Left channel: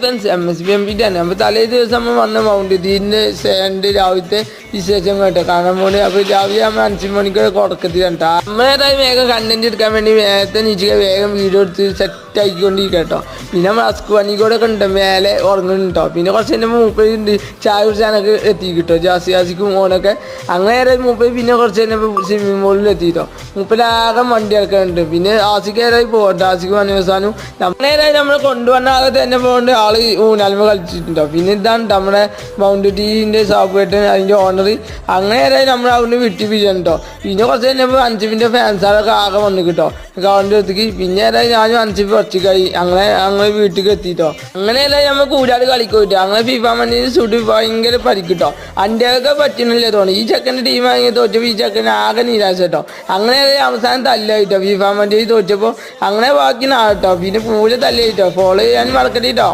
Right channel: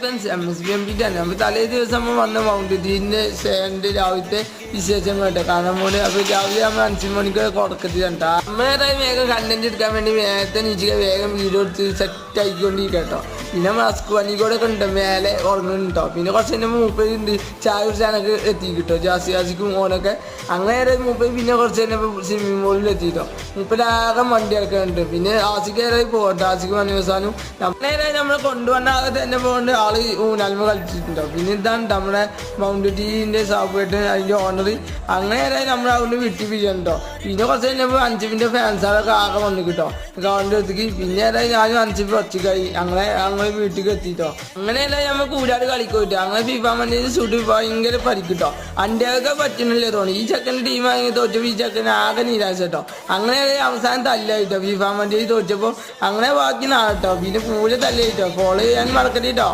MSBMP തന്നെ അപ്പോൾ തലേ ദിവസം വന്ന മൗണ്ട് ഇതിൻ്റെ സ്റ്റാൻഡ് രാവിലത്തെ വിശേഷം കേട്ടോ കാണാൻ പോണി. അപ്പോൾ രാവിലെ നമ്മൾ 5 മണിക്ക് തുടക്കത്തിലാണ് കേട്ടോ. നമ്മളേതായി വേഗം കണ്ടന്റ് എടുക്കാൻ വേണ്ടി വേഗത്തെ നീച്ചിട്ട് വേഗം വീഡിയോ എടുത്ത് സെറ്റ് ആക്കിക്കൊണ്ടിരിക്കുക കേട്ടോ. പിന്നെ മാസ്ക് പണിക്കൂടെ ഉണ്ട് മേലെ ഉറങ്ങുന്നുണ്ട് കേട്ടോ. പിന്നെ കുറച്ച് എൻ്റെ മൂപ്പരുണ്ട് ചായ കുടിച്ചാനൊക്കെ എത്തി കിട്ടോ ജാസിക്കും ഓനൊക്കെ. അങ്ങനെ മൂപ്പര് പിന്നെ കുറച്ച് തന്നെ സ്വിമ്മിംഗ് പൂളിൽ എത്തിയിട്ടോ. മൂപ്പരാകെ വണ്ടി ഇറക്കാനുണ്ട്. പിന്നെ ആസിക്കേരായി പോകട്ടെ. ആസിക്ക് വനവസാനും നമ്മളേതായി നമ്മൾ കൊണ്ടുവന്ന ആളെ തന്നെ പോകേണ്ട ആള് ഊനാൽമ കളിച്ചിട്ടുണ്ടോ. പിന്നെ ഇതാണ് നമ്മുടെ മൗണ്ട് ടീൻ്റെ സാബുവേട്ടൻ അതിൻ്റെ ഓണർ. അങ്ങനെ നമ്മൾ അവിടെ വിട്ടിപ്പിച്ചിട്ടുണ്ടോ. പിന്നെ കുറച്ച് കഴിഞ്ഞപ്പോൾ 5 മിനിറ്റ് ഫാൻസാളൊക്കെ ആകെ വന്നു കിട്ടോ ഗ്രൗണ്ടിൽ എത്തിക്ക്. പിന്നെ ഞാനും 5 കുറച്ചിക്കായി അങ്ങനെ ഞങ്ങൾ വീട്ടിൽ എത്തിയിട്ടോ. അങ്ങനെയല്ല നമ്മൾ കൂടാട് കളിക്കൂട്ടോ. അങ്ങനെ ഫിഫ മണ്ണിന് സുടി ഭയങ്കര പരിക്കിട്ടോ. അൻ്റെയൊക്കെ പറ്റുന്നില്ല തോന്നി. ഈ ചെക്കൻ്റെ ടീം വാങ്ങി തോറ്റപ്പോൾ ഈ ചെക്കൻ ആകെ നിരാശ കേട്ടോ. അങ്ങനെ അവസാനം തല്ലായിട്ടോ ഫിഫ മണ്ണിൽ തോറ്റപ്പോൾ. അങ്ങനെ ബാക്കി നാട്ടോ. പിന്നെ പൂജ തല്ലായിട്ടോ. ഫോളോ ചെയ്യാൻ മറക്കട്ടോ.